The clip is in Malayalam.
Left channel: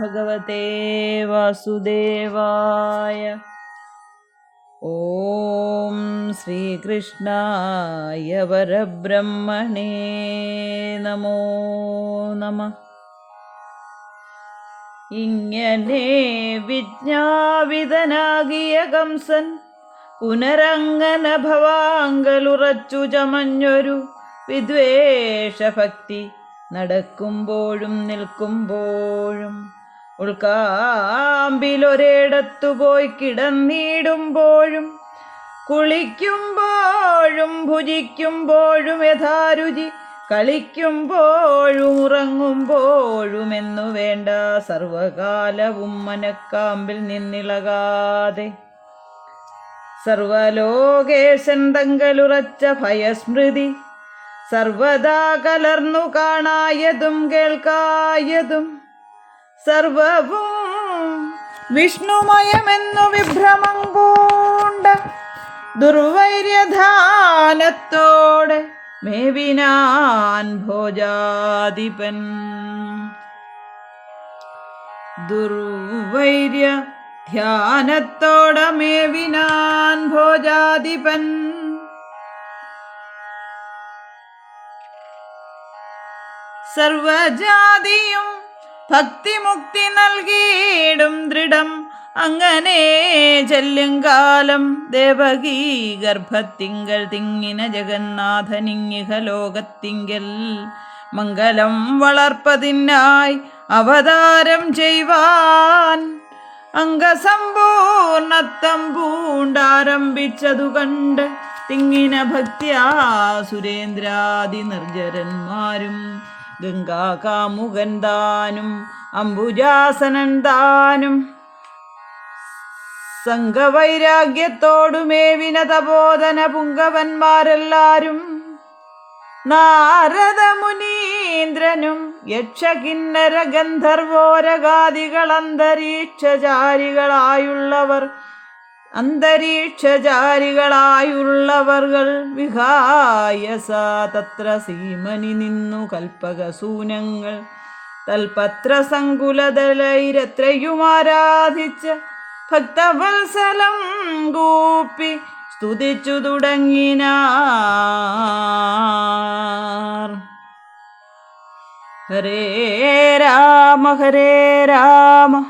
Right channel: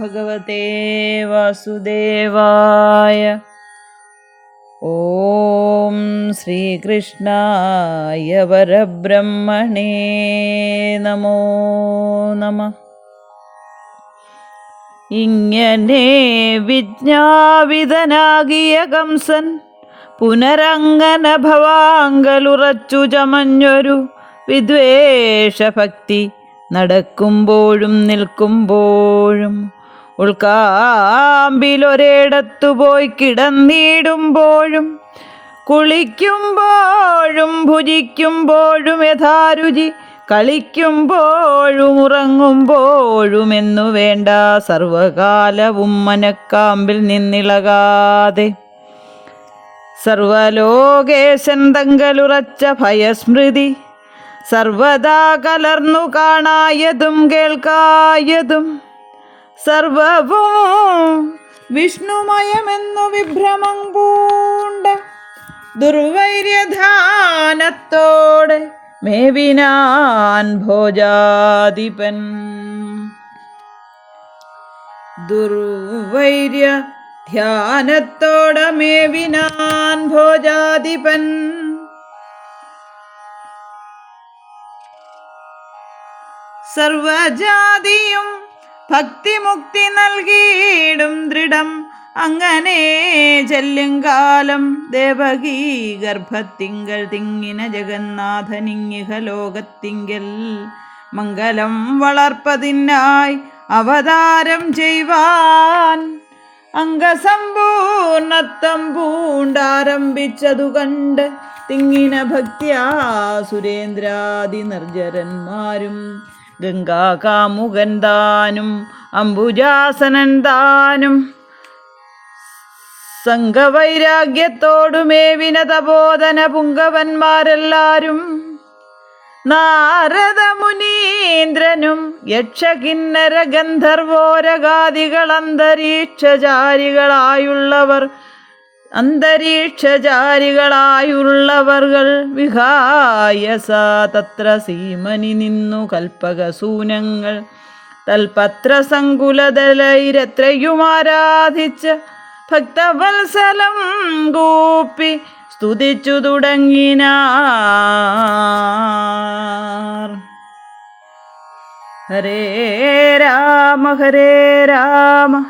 ഭഗവതേ വാസുദേവായ ഓം ശ്രീകൃഷ്ണായ वरब्रह्मणे നമോ നമ ഇങ്ങനെ വിജ്ഞാപിതനാകിയ കംസൻ പുനരങ്ങന ഭവാങ്കലുറച്ചു ചമഞ്ഞൊരു വിദ്വേഷഭക്തി നടക്കുമ്പോഴും നിൽക്കുമ്പോഴും ഉൾക്കാമ്പിലൊരിടത്തു പോയി കിടന്നിടുമ്പോഴും കുളിക്കുമ്പോഴും ഭുജിക്കുമ്പോഴും യഥാരുചി കളിക്കുമ്പോഴും ഉറങ്ങുമ്പോഴും എന്നു വേണ്ട സർവകാലവും മനക്കാമ്പിൽ നിന്നിളകാതെ. സർവലോകേശൻ തങ്കലുറച്ച ഭയസ്മൃതി സർവദാ കലർന്നു കാണായതും കേൾക്കായതും സർവവും വിഷ്ണുമയമെന്നു വിഭ്രമം പൂണ്ട ദുർവൈര്യധാനത്തോടെ മേവിനാൻ ഭോജാധിപൻ. ദുർവൈര്യ ധ്യാനത്തോടെ മേവിനാൻ ഭോജാധിപൻ. സർവജാതിയും ഭക്തിമുക്തി നൽകിയിടും ദൃഢം. അങ്ങനെ ചെല്ലും കാലം ദേവകീ ഗർഭത്തിങ്കൽ തിങ്ങിന ജഗന്നാഥനിങ്ങിഹ ലോകത്തിങ്കൽ. മംഗലം വളർപ്പതിനായി അവതാരം ചെയ്വാൻ. അംഗസമ്പൂർണത്വം പൂണ്ടാരംഭിച്ചതു കണ്ട് തിങ്ങിന ഭക്തിയാ സുരേന്ദ്രാദി നിർജരന്മാരും ഗംഗാകാമുകൻ താനും അംബുജാസനൻ താനും സംഘവൈരാഗ്യത്തോടുമേവിന തപോധന പുങ്കവന്മാരെല്ലാരും നാരദമുനീന്ദ്രനും യക്ഷകിന്നര ഗന്ധർവോരഗാദികൾ അന്തരീക്ഷചാരികളായുള്ളവർ അന്തരീക്ഷചാരികളായുള്ളവർകൾ വിഹായസ തത്ര സീമനി നിന്നു കൽപ്പകസൂനങ്ങൾ. തൽപത്രസങ്കുലതലൈരത്രയും ആരാധിച്ച് ഭക്തവത്സലം കൂപ്പി സ്തുതിച്ചു തുടങ്ങിന ഹരേ രാമ ഹരേ രാമ.